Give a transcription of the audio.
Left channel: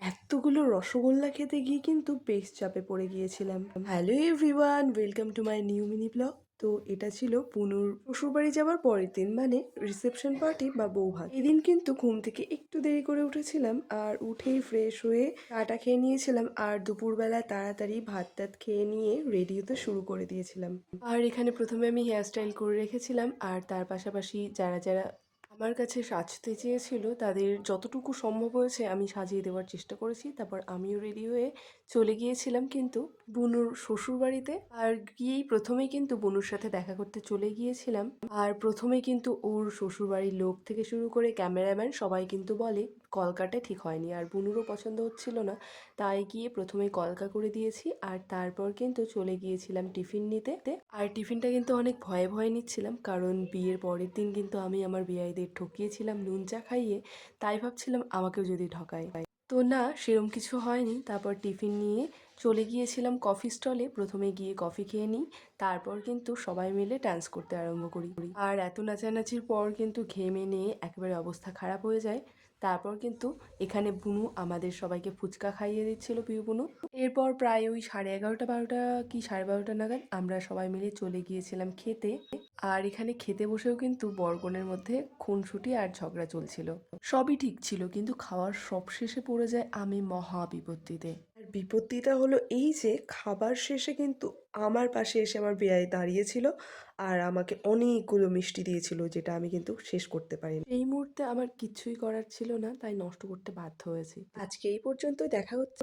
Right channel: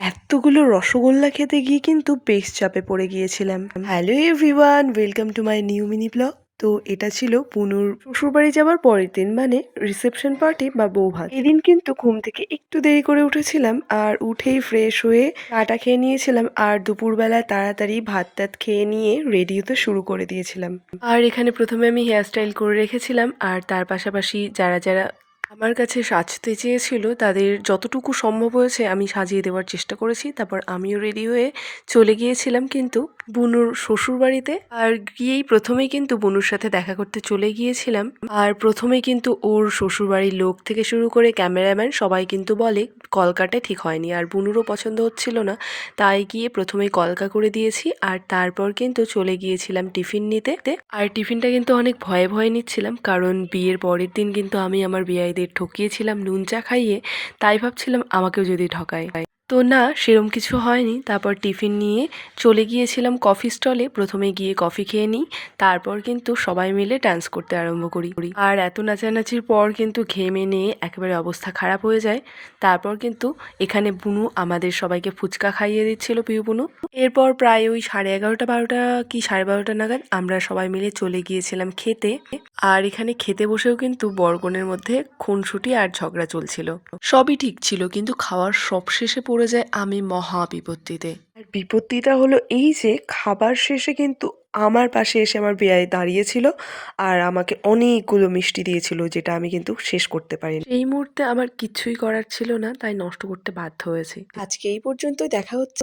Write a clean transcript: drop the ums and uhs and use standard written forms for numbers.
এতগুলো রসগোল্লা খেতে গিয়ে কিন্তু বেশ চাপে পড়ে গিয়েছিলাম। Hello everyone, welcome to my new mini blog. তো এটা ছিল পুনুর শ্বশুরবাড়ি যাওয়ার পরের দিন, মানে রিসেপশন পার্টি বা বৌভাত। এদিন কিন্তু ঘুম থেকে একটু দেরি করে উঠেছিলাম, আর উঠেই ফ্রেশ হয়ে চাটা খেয়ে নিয়েছিলাম, আর দুপুরবেলায় তাড়াতাড়ি ভাত টাত খেয়ে নিয়ে রেডি হতে শুরু করে দিয়েছিলাম। আর এখানে প্রথমে আমি হেয়ার স্টাইল করে রেখেছিলাম, আর তার পাশাপাশি যারা যারা আমার কাছে সাজতে চেয়েছিল তাদের যতটুকু সম্ভব হয়েছে আমি সাজিয়ে দেওয়ার চেষ্টা করেছি। তারপর আমিও রেডি হয়ে চলে গিয়েছিলাম কিন্তু বুনুর শ্বশুরবাড়িতে। আর গিয়েই প্রথমেই কিন্তু বুনুর সাথে দেখা করতে চলে গিয়েছিলাম। আর প্রথমেই কিন্তু ওর শ্বশুরবাড়ির লোক থেকে শুরু করে ক্যামেরাম্যান সবাই কিন্তু বলে কলকাটা ঠিক হয়নি, আর বুনুরও পছন্দ হচ্ছিল না। তাই গিয়ে প্রথমেই কলকা করে দিয়েছি, আর তারপর কিন্তু চলে গিয়েছিলাম টিফিন নিতে। আর টিফিনটা কিন্তু অনেক ভয়ে ভয়ে নিচ্ছিলাম, কারণ বিয়ের পরের দিন কিন্তু আমি আমার বিয়াইদের ঠকিয়েছিলাম নুন চা খাইয়ে। তাই ভাবছিলাম আমাকেও যদি ঠকায়। তো না, সেরম কিছু হয়নি। তারপর টিফিন নিয়ে চলে গিয়েছিলাম কফি স্টলে। প্রথমে গিয়ে কফি খেয়ে নিই, তারপর কিন্তু সবাই মিলে ডান্স করতে আরম্ভ করি। আর এত নাচানাচির পর কিন্তু ঘেমে নিয়ে একেবারে অবস্থা খারাপ হয়ে যায়। তারপর কিন্তু এখানে বুনু আমাদের সবাইকে ফুচকা খাইয়ে দিচ্ছিল, পিউ বুনু। এরপর প্রায় ওই 11:30-12টা কি 12:30 নাগাদ আমরা সবাই মিলে চলে গিয়েছিলাম খেতে। আর এখানে খেতে বসেও কিন্তু বরকনের মধ্যে খুনসুটি আর ঝগড়া চলছিল। সবই ঠিক ছিল, কিন্তু খাওয়ার সব শেষে পড়ে যায় আমি মহা বিপত্তিতে। আর বিপত্তিটা হলো এই যে খাবার শেষে কিন্তু আমার পাশে এসে আমার বেয়াই দাঁড়িয়েছিল, আর আমাকে অনেকগুলো মিষ্টি দিয়েছিল, যেটা আমি কিন্তু শেষ করতে পারিনি। এই মুহূর্তে আমার কিছুই করার ছিল না, তাই নষ্ট করতে বাধ্য হয়েছি। আজকে এই পর্যন্তই, দেখা হচ্ছে।